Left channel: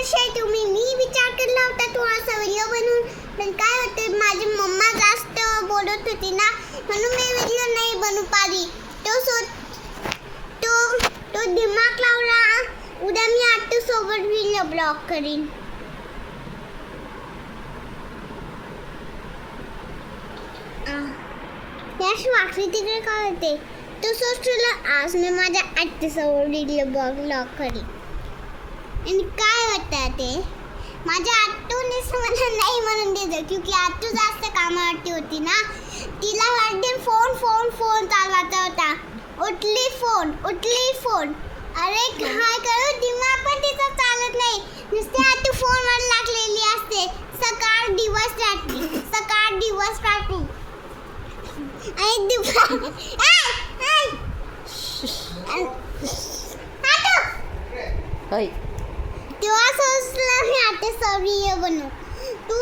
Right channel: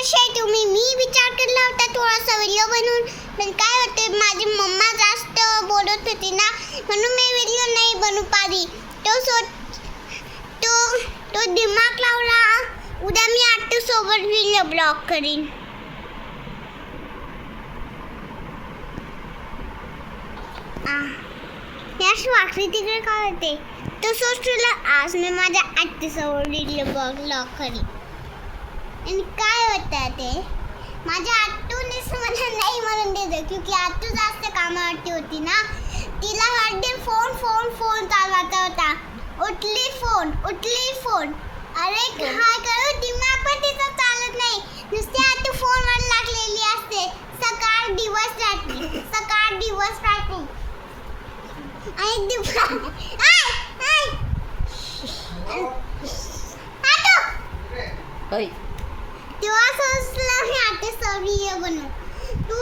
कशी आहे तुम्ही? मी विचार केला होता थोडासा व्हिडिओ बनवून, पण काय होते माझी मम्मा जास्त बोलत होती ना, म्हणून मी व्हिडिओ नाही बनवू पाहिली. तो दिमाग लावला. उद्या मी आत्तू सोबत व्हिडिओ ब्लॉग करीन. याच वाकडी तिकडे काय होते तो सोचला. आज मी माझ्या आत्तूसोबत व्हिडिओ ब्लॉग करीन. आणि काय होतं ते माझ्या आत्तूने मला नाही म्हणून देत, क्योंकि आत्तू जास्त कामावरती होती ना. तिला वाटते फोन चालवत होता. उठली फोन. अरे काय करू, दिमाग पण तिचा चालत नाही. नुसते आत्तू फोनवर लागलेली असते. सकाळ दिवस रात्री आणि दुपार. तेव्हा सोचलं मी आता व्हिडिओ बनवू. तू